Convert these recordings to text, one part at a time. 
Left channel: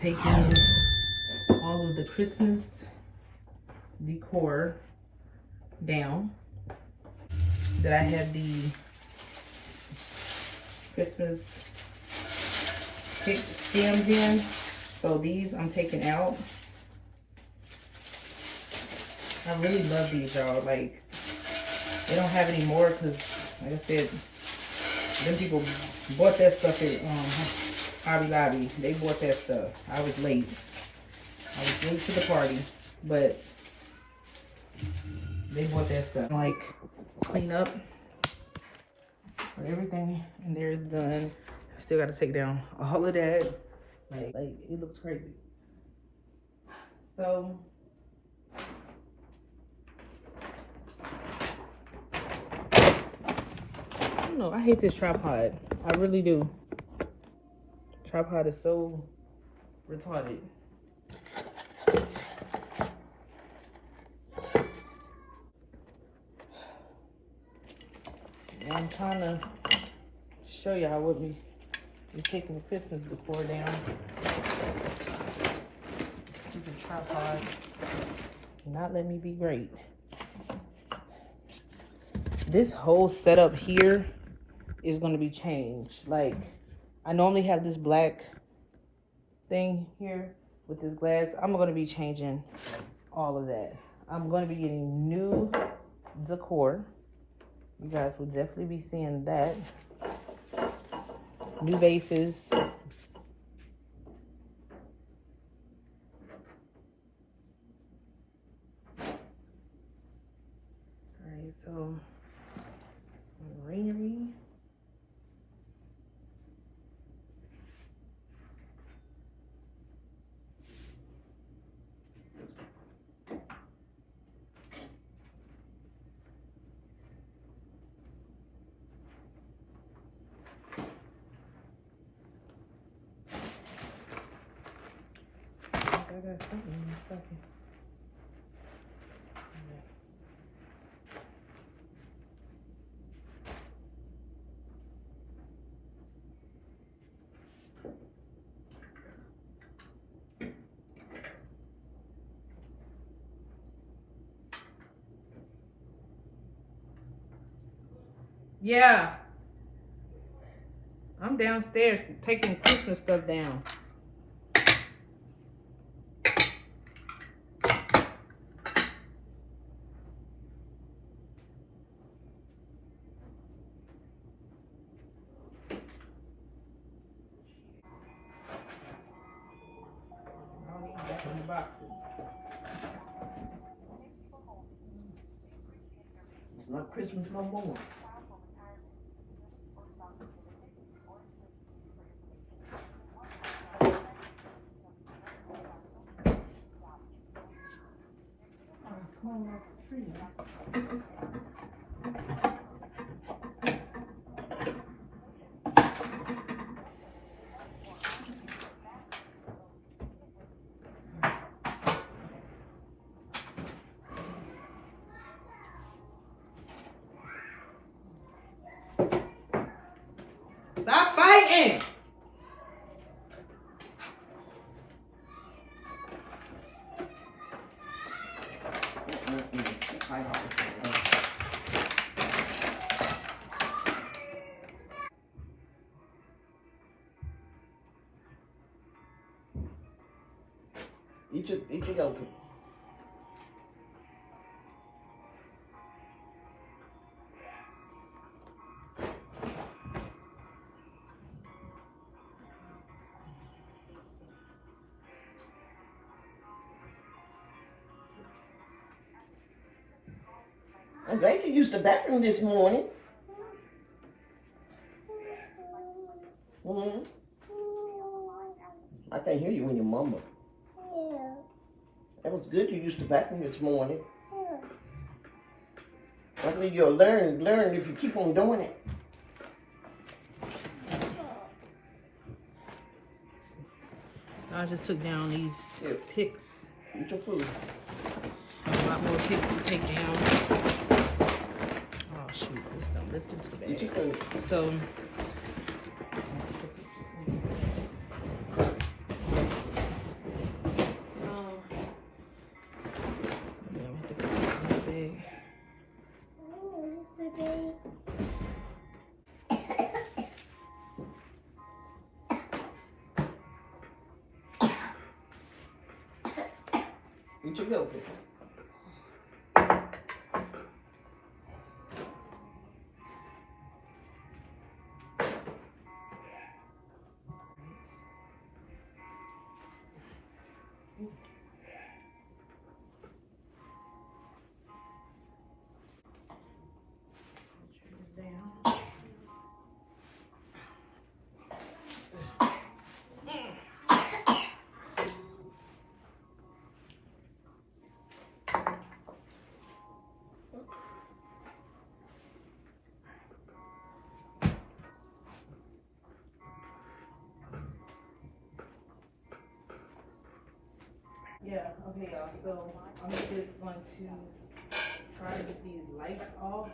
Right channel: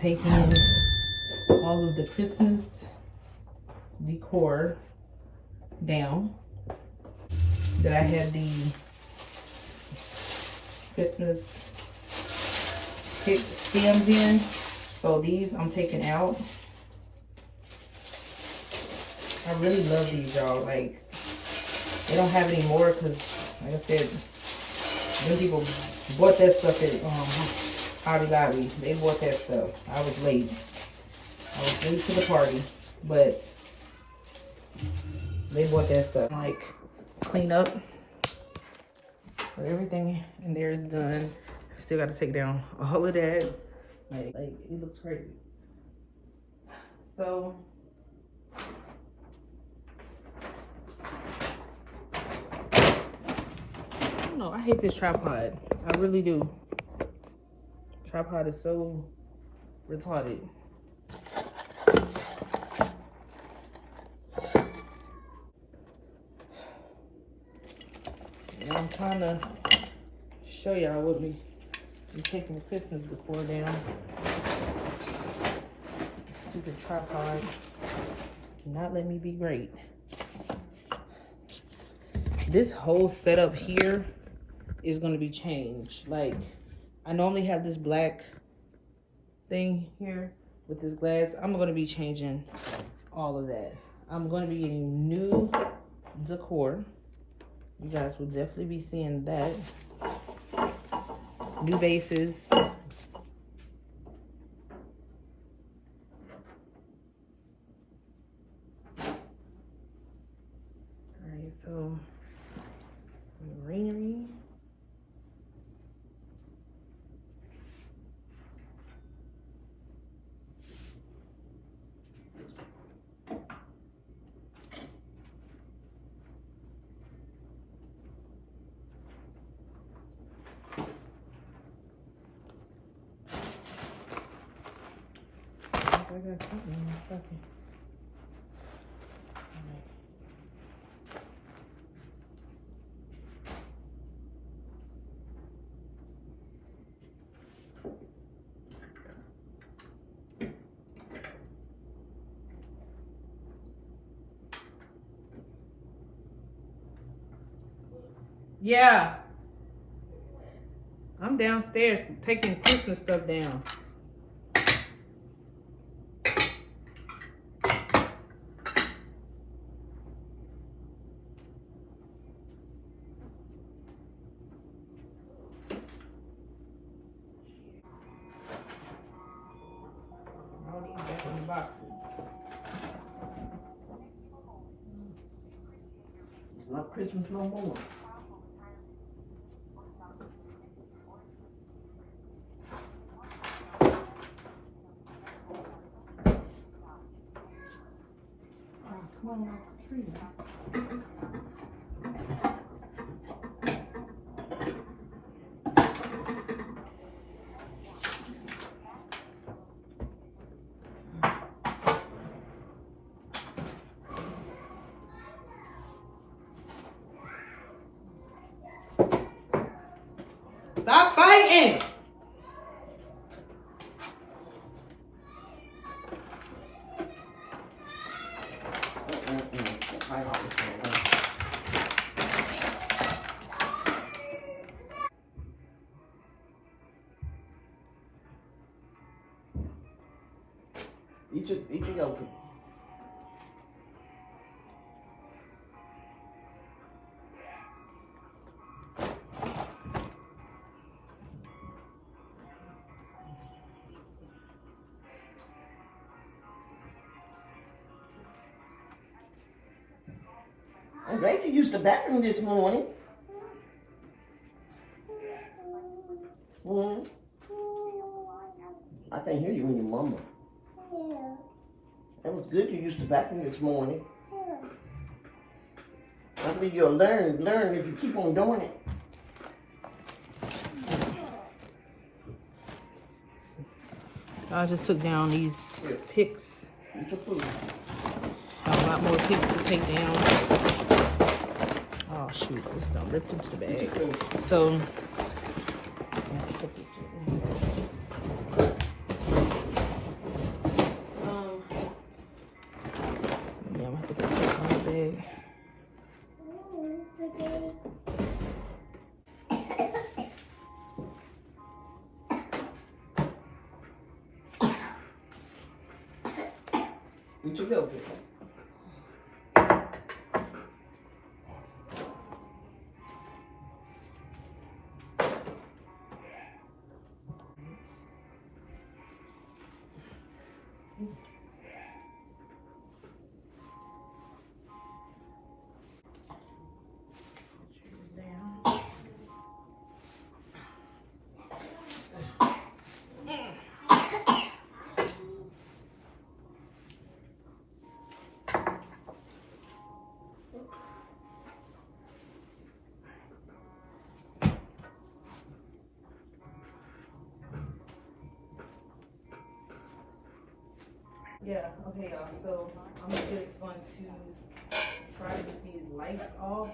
taking all of the Christmas decor down. That I have the Christmas stems in. So these I'm taking out. I really love these, y'all. Like, they don't have any more because, like I said, them people bought that stuff at Hobby Lobby. They bought that stuff. I was late. I was late to the party, but they bought that stuff. Like, clean up. But everything in there is done. Still got to take down all of that. Like it looks crazy. So I don't know. I hate this tripod. I really do. Tripod is so retarded. And I'm trying to show y'all what we're taking the Christmas decor down. Stupid tripod. Not let me be great. This whole setup here is going to be changed. Like, I normally have this black thing here with this glass. I'm going to be changing all of that. I'm going to be getting new decor. You guys will definitely be seeing that. New vases. Alright, so greenery. I got something in this bucket. Alright. Yeah. I'm downstairs taking Christmas stuff down. All these back in the boxes. It's not Christmas no more. Come on, off the tree now. Stop fighting! Eat your yolk. I'm glad you used the bathroom this morning. Mm-hmm. I can't hear you when you mumble. Yeah. That was good you used the bathroom this morning. Yeah. I think you'll learn if you keep on doing it. I just took down these picks. Eat your food. Have a lot more picks to take down. Oh shoot, it's gonna lift into the bag. So ahead. Eat your milk. Yeah, okay, y'all. So I'm just going to try to get these lights off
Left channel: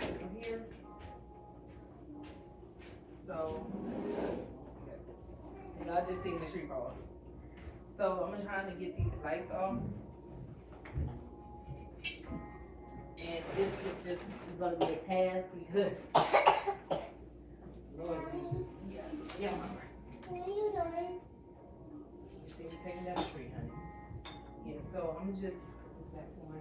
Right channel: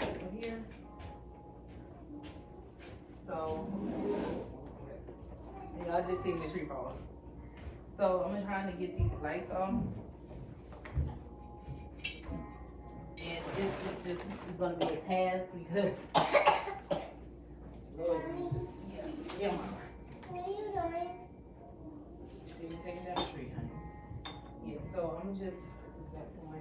over here. So y'all just seen the tree fall. So I'm trying to get these lights off. And this is just gonna be a pass because Lord, yeah, mama. What are you doing? You see me taking down the tree, honey. Yeah, so I'm just put this back on.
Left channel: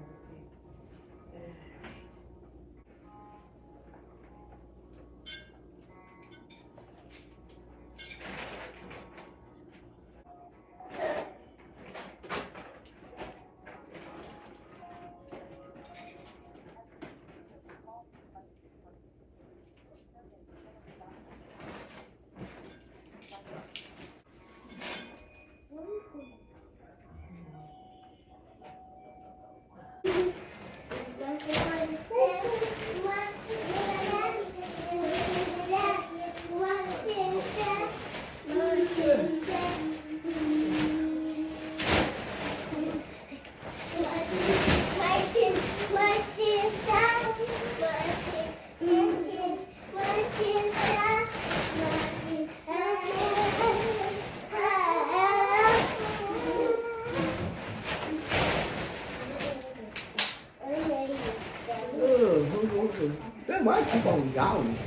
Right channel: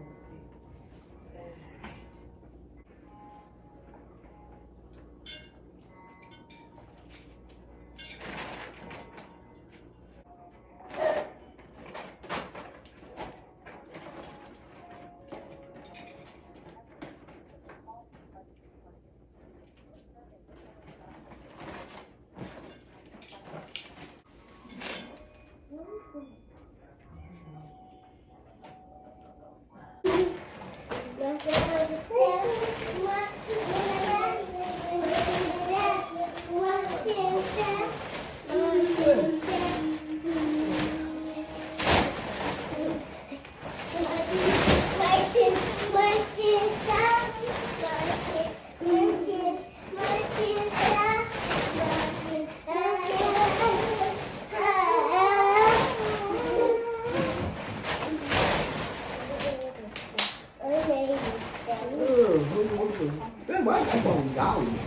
Then why keep on yelling?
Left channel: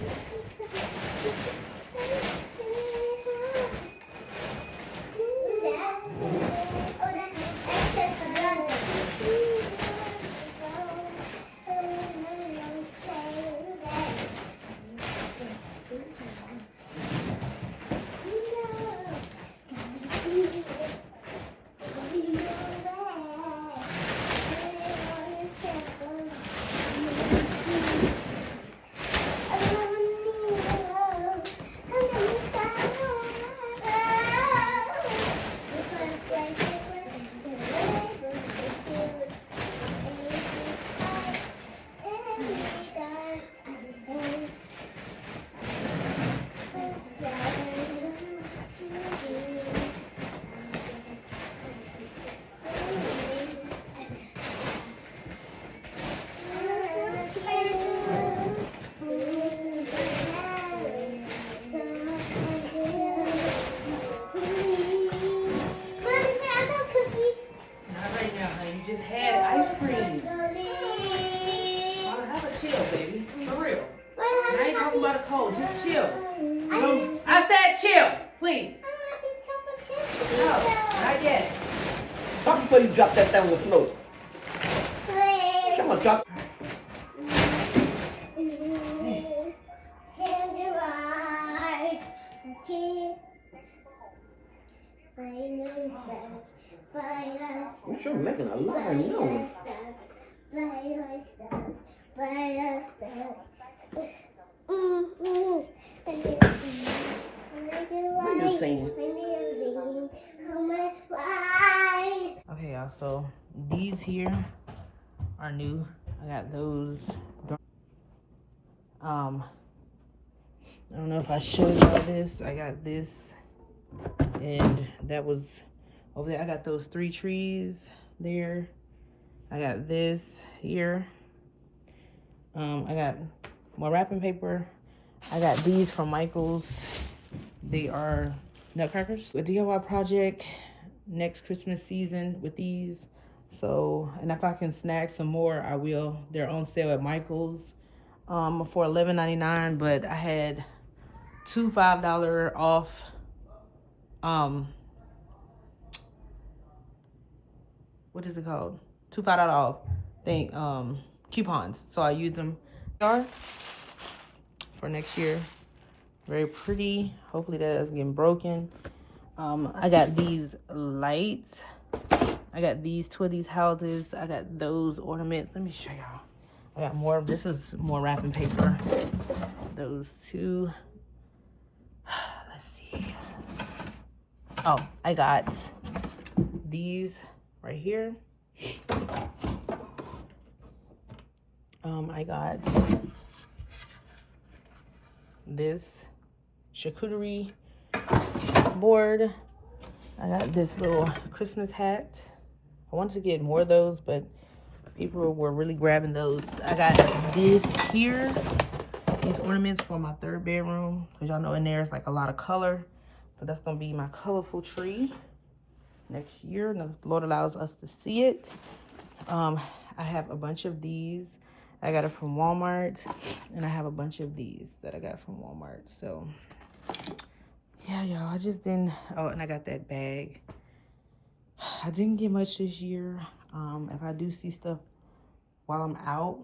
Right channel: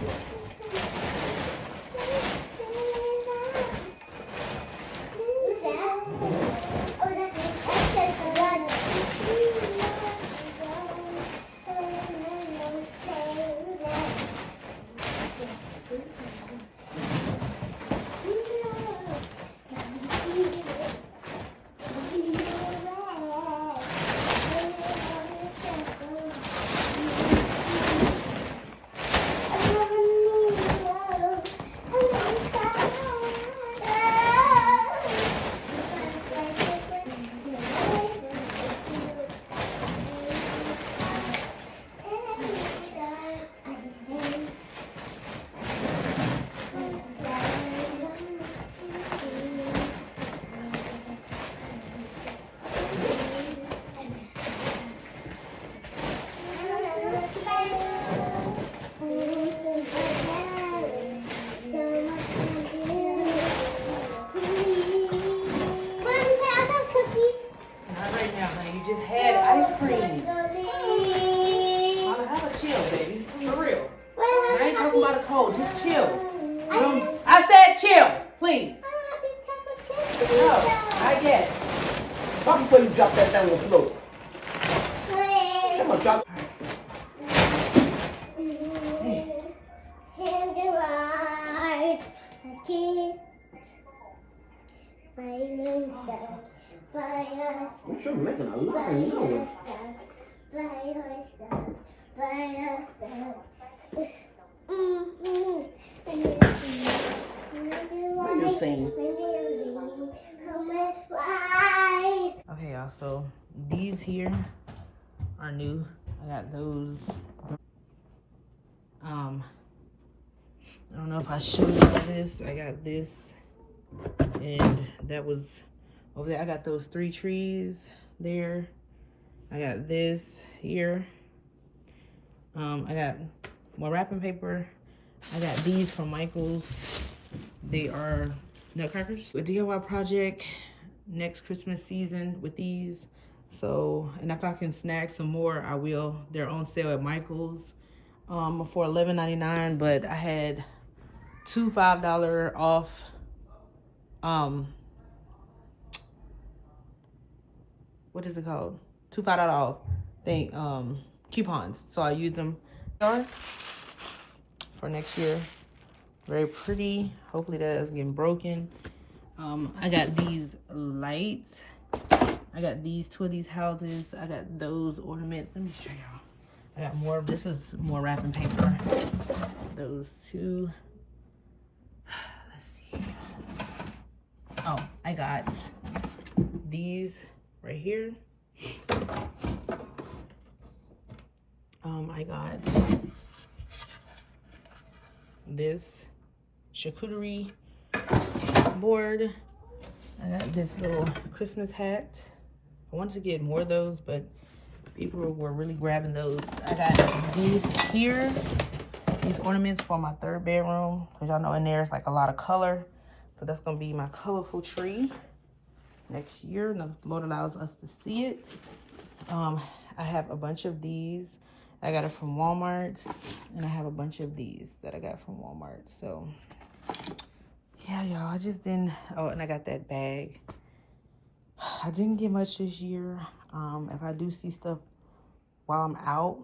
Just had ice cream. I'll have a chill, baby. For real. I ain't talking about a cold. Just chill. I said chill, please. No, not yet. Stop before you drop that down the floor. Come on, drop. I'm sure making a lot of noise. What you sing? Okay, y'all, so these here are new. I got those. I don't know if I showed y'all this. I got this, and that was over there. I got those 3 trees there. I got this here. I got more wrapping paper. I got these from Michael's. They are nutcrackers. A DIY project next Christmas season with these. So, and if I can snag some more, I will. They're on sale at Michael's for $11.99, but I had two $5 off what is it called? Two $5 off thing coupons. So I used them for next year. Very pretty. Hopefully that doesn't get broken. I got these lights. I got these two of these houses. I got those ornaments. Let me show y'all. I got more. This is more wrapping paper. Those two. Let's see. Oh, I got these right here. I got this charcuterie board. I got this little Christmas hat. I wanted to get more of those, but people were really grabbing those. I got this here, these ornaments for my third bedroom, because y'all know in there it's like a lot of color. So that's gonna be my colorful tree next year. And the Lord allows us to see it. I have a bunch of these. I got it from Walmart, and I have a bunch of these that I got from Walmart. So yeah, y'all, I just didn't. Oh, and I got that bag. I didn't get much this year. If I do see stuff while I'm out,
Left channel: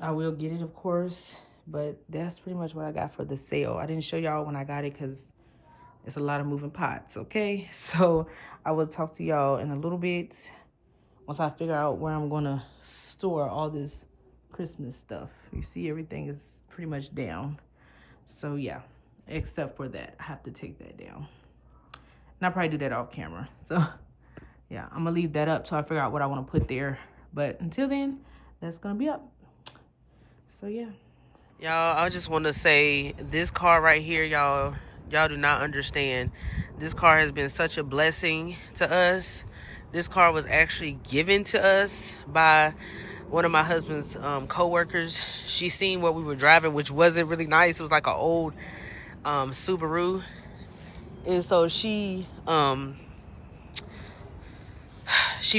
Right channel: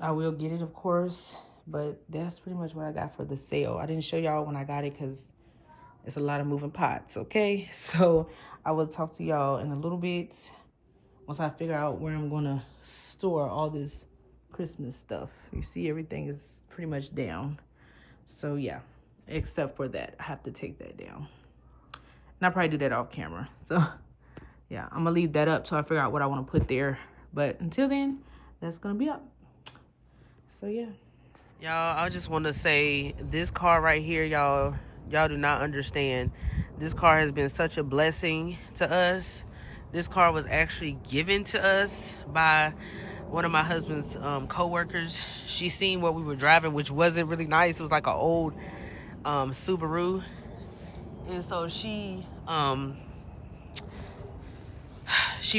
I will get it, of course. But that's pretty much what I got for the sale. I didn't show y'all when I got it because it's a lot of moving pots, okay? So I will talk to y'all in a little bit once I figure out where I'm gonna store all this Christmas stuff. You see, everything is pretty much down. So yeah, except for that, I have to take that down. And I'll probably do that off camera. So yeah, I'm gonna leave that up till I figure out what I wanna put there. But until then, that's gonna be up. So yeah. Y'all, I just wanna say this car right here, y'all do not understand. This car has been such a blessing to us. This car was actually given to us by one of my husband's co-workers. She seen what we were driving, which wasn't really nice. It was like an old Subaru. And so she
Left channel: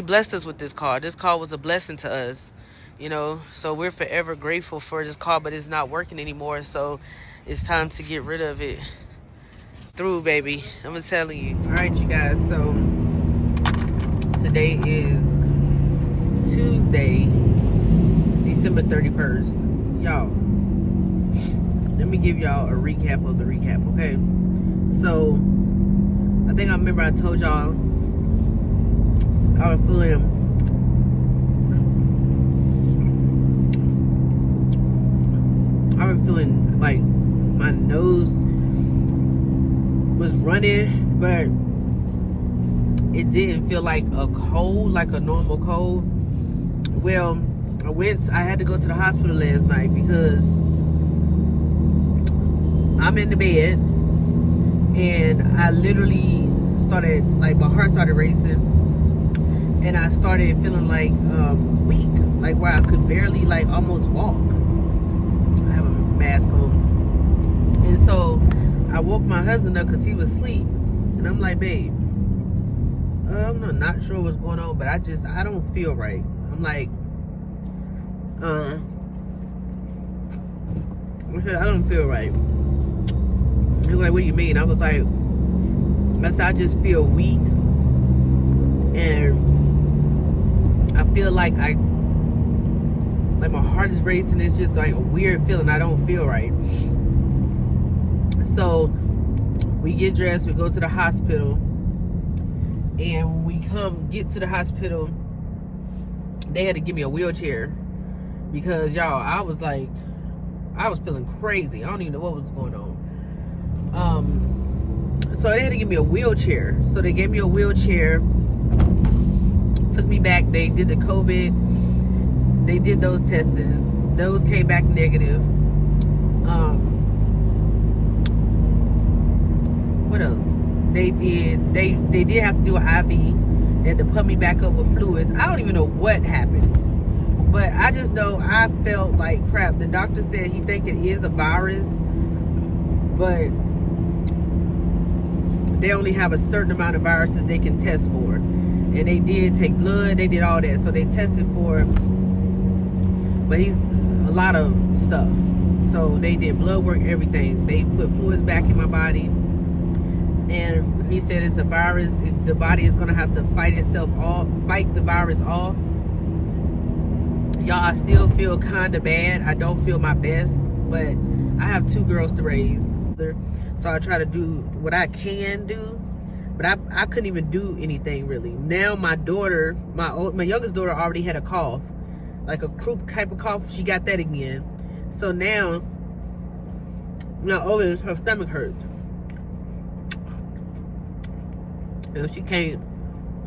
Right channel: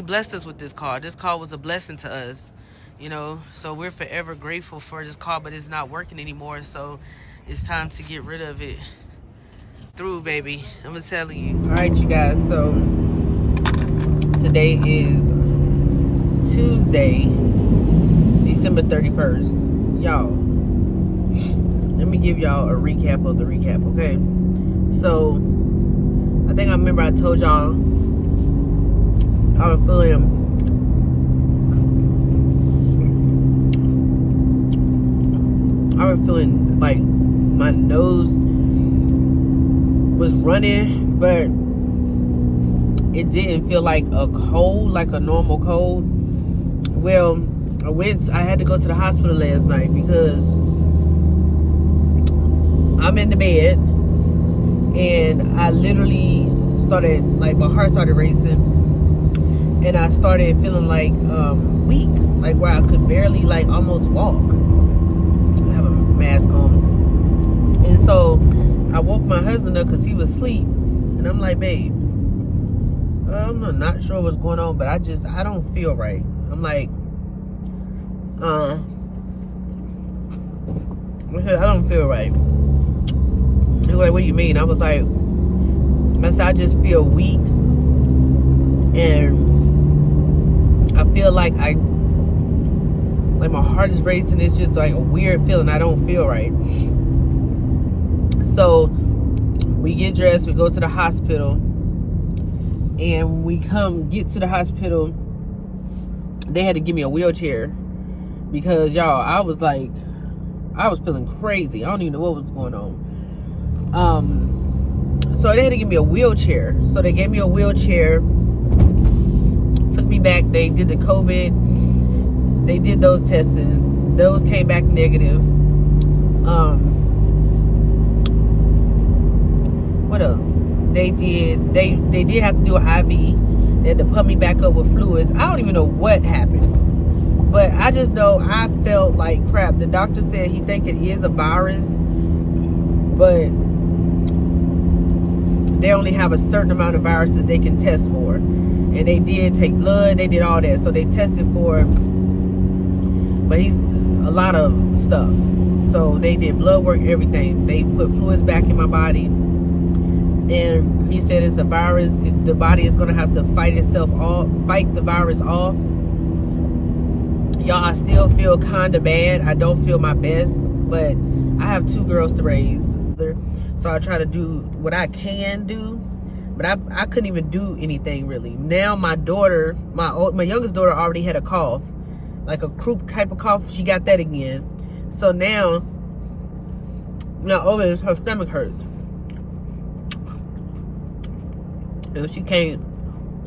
blessed us with this car. This car was a blessing to us, you know. So we're forever grateful for this car, but it's not working anymore. So it's time to get rid of it. Through, baby. I'm telling you. All right, you guys. So today is Tuesday, December 31st. Y'all, let me give y'all a recap of the recap, okay? So I think I remember I told y'all I was feeling like my nose was running, but it didn't feel like a cold, like a normal cold. Well, I had to go to the hospital last night because I'm in the bed and I literally started, like, my heart started racing and I started feeling like weak, like where I could barely, like, almost walk. I have a mask on. And so I woke my husband up because he was asleep. And I'm like, babe, I'm not sure what's going on, but I don't feel right. I'm like, I don't feel right. He was like, what do you mean? I was like, I said, I just feel weak. And I feel like my heart is racing. It's just like a weird feeling. I don't feel right. So we get dressed, we go to the hospital, and we get to the hospital. They had to give me a wheelchair because, y'all, I was feeling crazy. I don't even know what was going on. So they had to give me a wheelchair. So they gave me a wheelchair, took me back. They did the COVID. They did those tests. Those came back negative. What else? They did have to do an IV. They had to put me back up with fluids. I don't even know what happened, but I just know I felt like crap. The doctor said he think it is a virus, but they only have a certain amount of viruses they can test for. and they did take blood, they did all that, so they tested for, but he's a lot of stuff. So they did blood work, everything. They put fluids back in my body, and he said it's a virus. The body is gonna have to fight itself off, fight the virus off. Y'all, I still feel kind of bad. I don't feel my best, but I have 2 girls to raise, so I try to do what I can do. But I couldn't even do anything really. Now my daughter, my youngest daughter, already had a cough, like a croup type of cough. She got that again. So now her stomach hurts, and she can't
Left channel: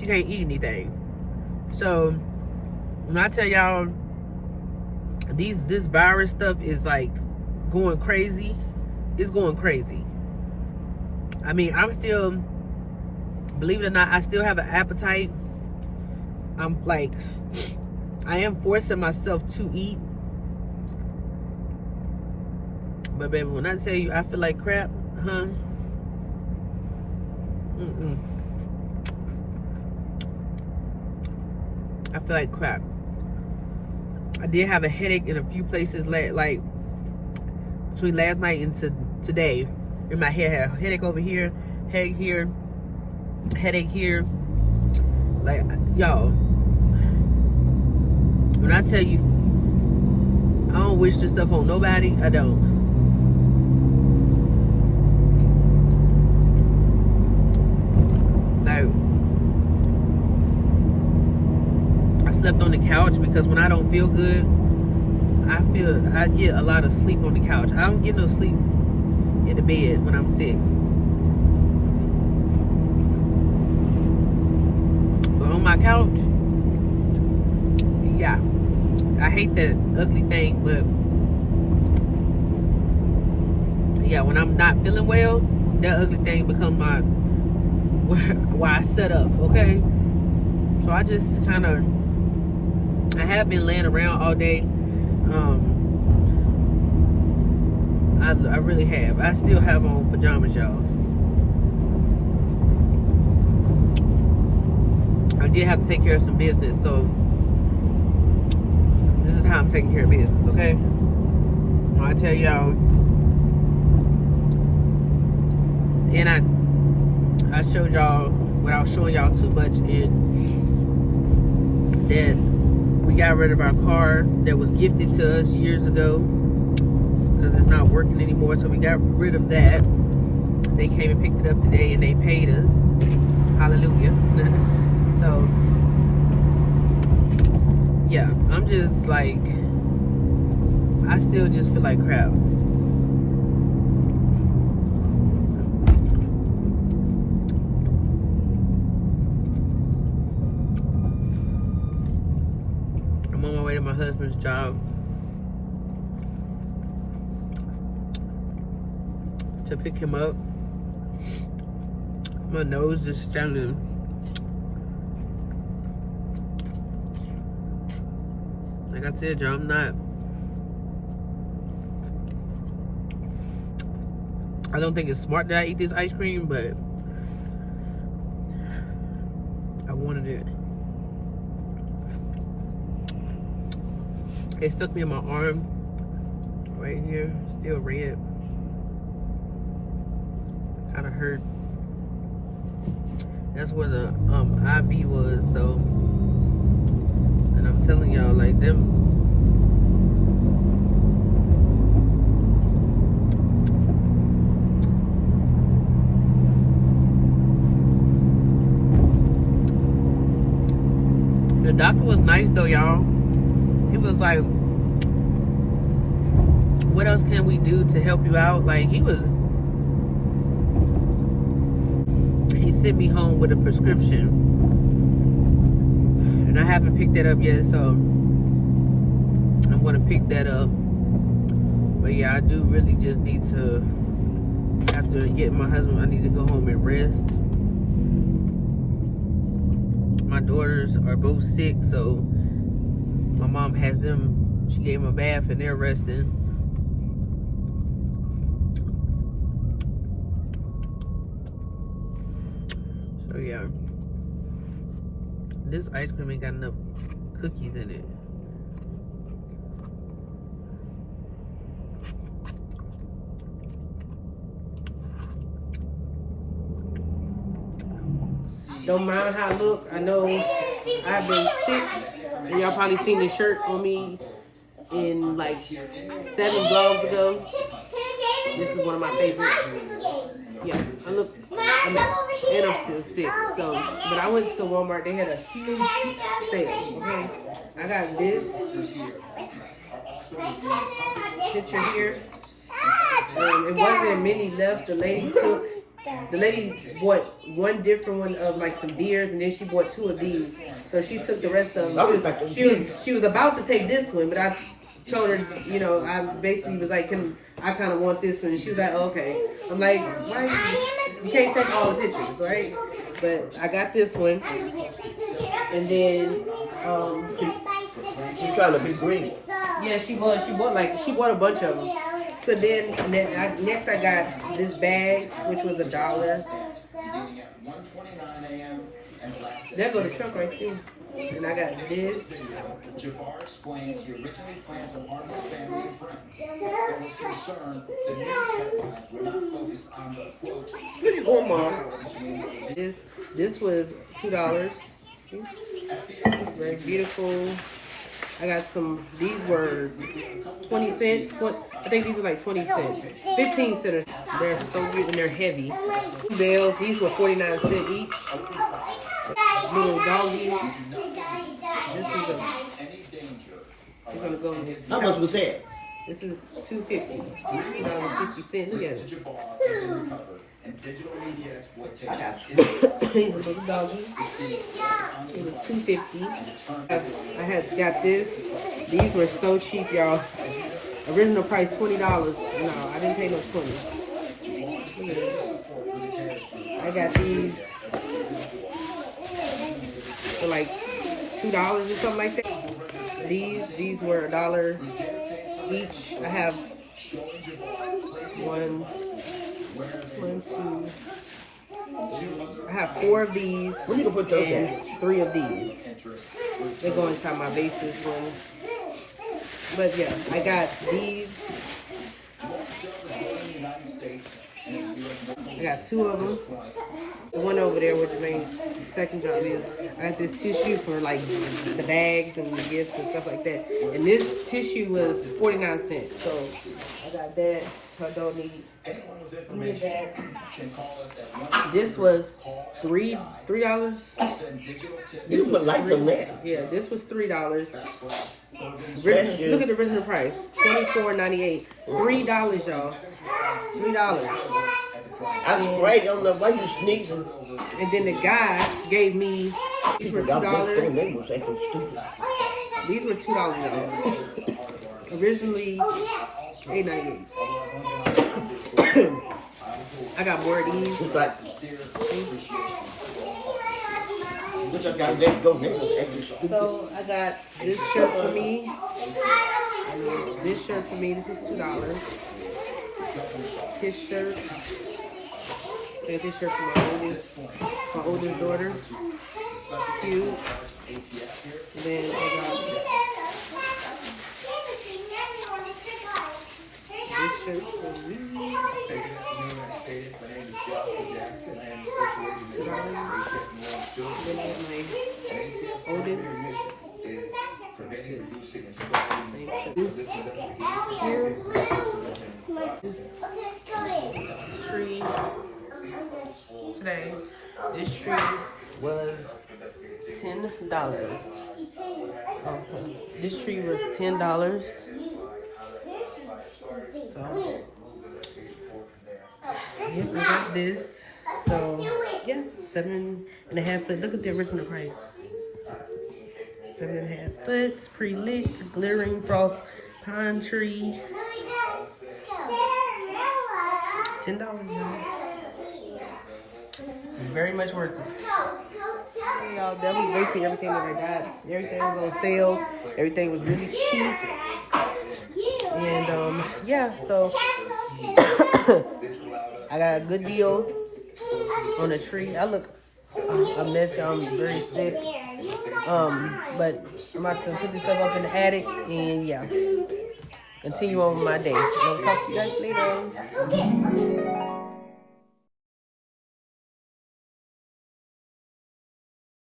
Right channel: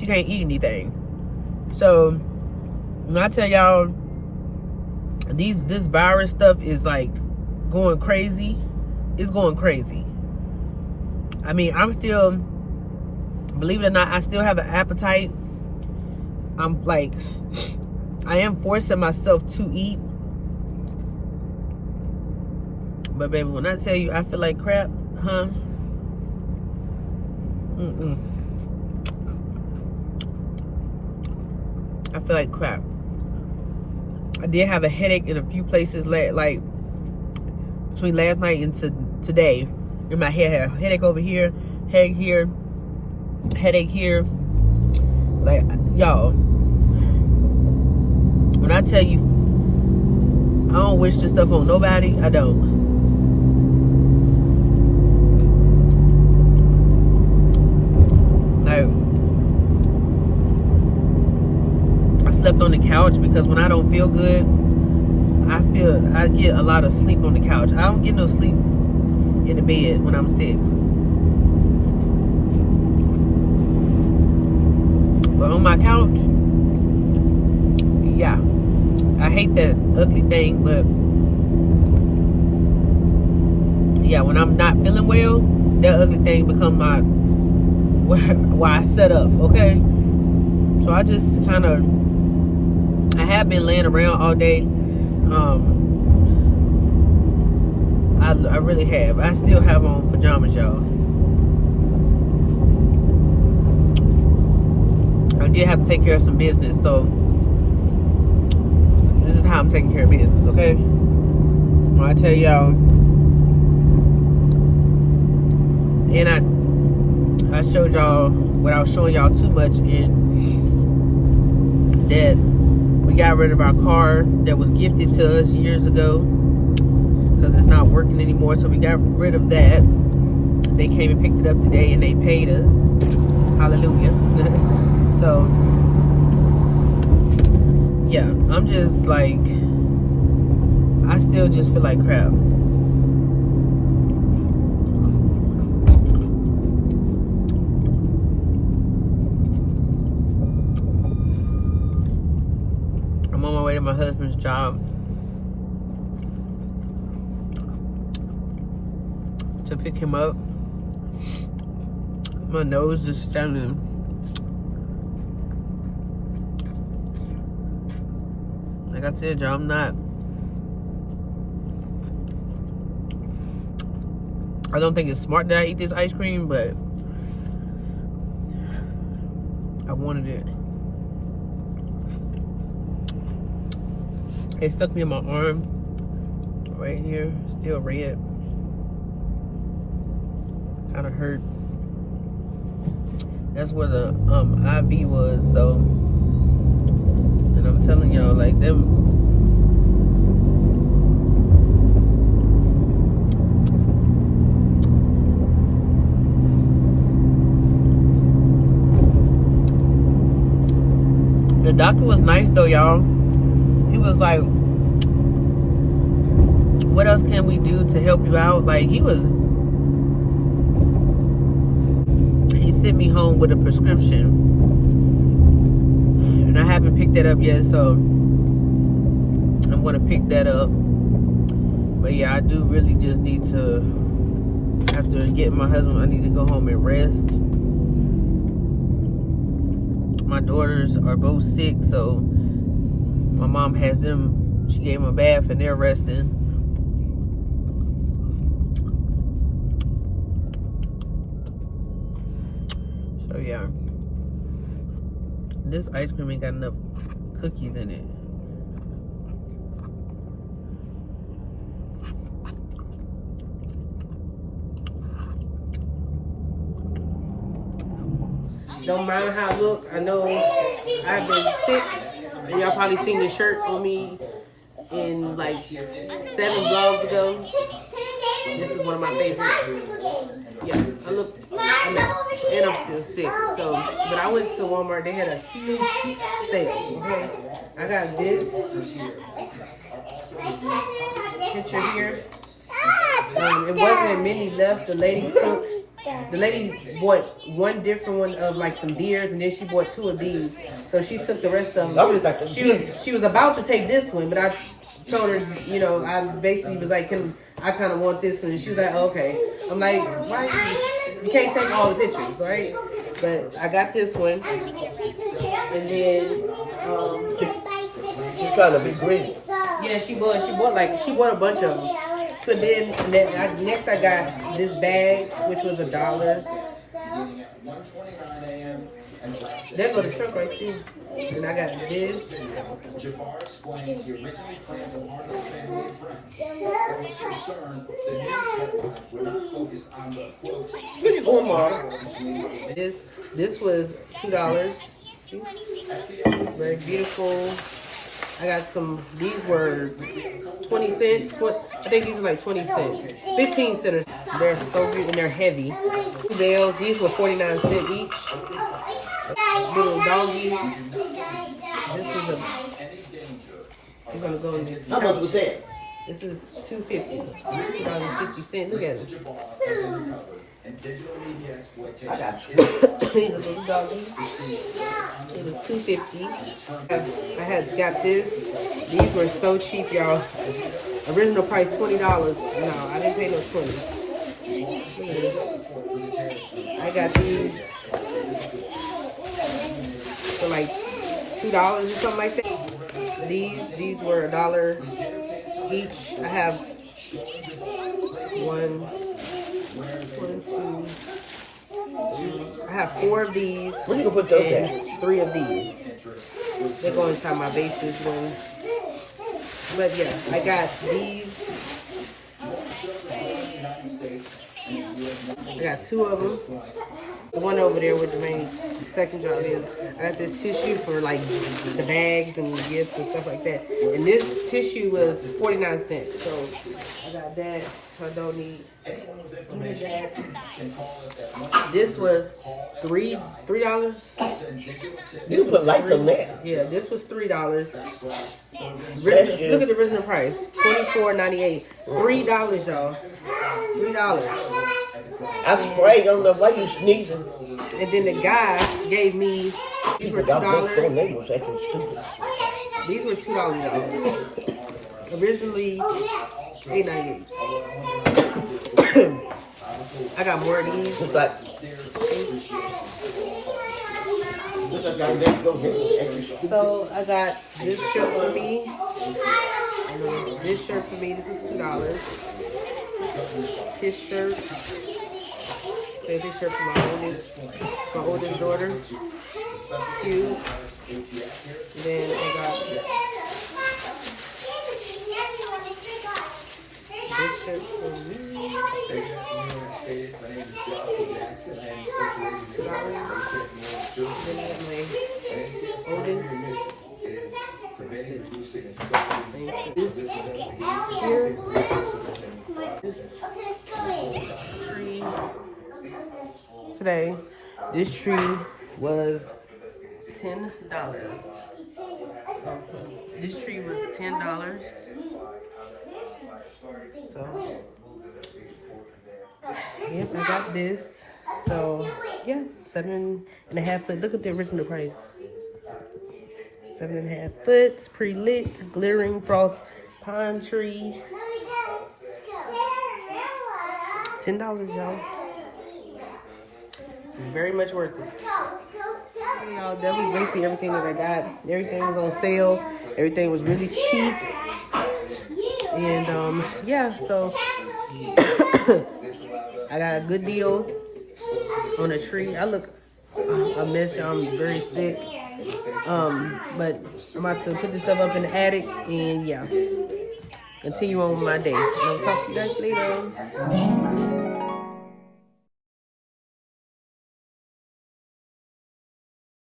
eat anything. So when I tell y'all, this virus stuff is like going crazy. It's going crazy. I mean, I'm still, believe it or not, I still have an appetite. I'm like, I am forcing myself to eat. But baby, when I tell you I feel like crap, huh? I feel like crap. I did have a headache in a few places, like between last night and today. In my head, I had a headache over here, headache here, headache here. Like, y'all, when I tell you I don't wish this stuff on nobody, I don't. Like, I slept on the couch because when I don't feel good, I get a lot of sleep on the couch. I don't get no sleep in the bed when I'm sick. But on my couch, yeah. I hate that ugly thing, but yeah, when I'm not feeling well, that ugly thing become my why I set up, okay? So I just kind of, I have been laying around all day. I really have. I still have on pajamas, y'all. I did have to take care of some business, so this is how I'm taking care of business, okay? When I tell y'all, and I showed y'all what I was showing y'all too much, in that we got rid of our car that was gifted to us years ago because it's not working anymore, so we got rid of that. They came and picked it up today and they paid us. Hallelujah. So yeah, I'm just like, I still just feel like crap. I'm on my way to my husband's job to pick him up. My nose is standing. Like I said, y'all, I'm not, I don't think it's smart that I eat this ice cream, but I wanted it. It stuck me in my arm right here, still red. Kind of hurt. That's where the IV was, so. And I'm telling y'all, like, them. The doctor was nice though, y'all. He was like, what else can we do to help you out? Like, he sent me home with a prescription, and I haven't picked that up yet, so I'm gonna pick that up. But yeah, I do really just need to, after getting my husband, I need to go home and rest. My daughters are both sick, so my mom has them, she gave them a bath and they're resting. So yeah, This ice cream ain't got enough cookies in it. Don't mind how I look. I know I've been sick, and y'all probably seen the shirt on me in like 7 vlogs ago. This is one of my favorites. Yeah, I look a mess, and I'm still sick. So, but I went to Walmart. They had a huge sale. Okay, I got this picture here. It wasn't many left. The lady bought one different one of like some deers, and then she bought 2 of these. So she took the rest of them. She was about to take this one, but I told her, you know, I basically was like, I kind of want this one. And she was like, okay. I'm like, why? You can't take all the pictures, right? But I got this one, and then You trying to be greedy. yeah, she bought a bunch of them. So then next I got this bag, which was $1. There go the truck right there. And I got this. Jabbar explains he originally planned to harvest family and friends. There was concern the news headlines would not focus on the quote. Look at Omar. This was $2. Very beautiful. I got some. These were 20 cents. I think these are like 20 cents. 15 cents. They're so good and they're heavy. Bells. These were 49 cents each. Little doggy. This is a. We're gonna go in. How much was that? This is $2.50. $2.50. Look at it. I got you. He's a little doggy. It was $2.50. I had got this. These were so cheap, y'all. Original price $20. No, I didn't pay no 20. Look at this. I got these for like $2 or something like that. These were $1 each. I have one, two. I have 4 of these and 3 of these. They go inside my bases when. But yeah, I got these. I got 2 of them. The one over there with Jermaine's second job is. I got this tissue for like the bags and the gifts and stuff like that. And this tissue was 49 cents. So I got that. I don't need that. This was $3. This was like some that. Yeah, this was $3. Look at the original price, $24.98. $3, y'all. $3. I sprayed on the way you sneezing. And then the guy gave me, these were $2. These were $2, y'all. Originally $8.98. I got more of these. So I got this shirt for me. This shirt for me. This was $2. His shirt. I got this shirt for my oldest daughter. Cute. And then I got this shirt for me. $2. Then I got my oldest. Same shirt. This here. This tree today. This tree was $10. This tree was $10. So I got this. So yeah, 7.5 foot. Look at the original price. 7.5 foot, pre-lit, glittering frost pine tree. $10, y'all. Very much worth it. Hey, y'all, that was basically everything that I got. Everything was on sale. Everything was really cheap. And yeah, so I got a good deal on a tree. I look a mess, y'all. I'm very thick. But I'm about to put this stuff up in the attic and yeah, continue on with my day. And I'll talk to you guys later.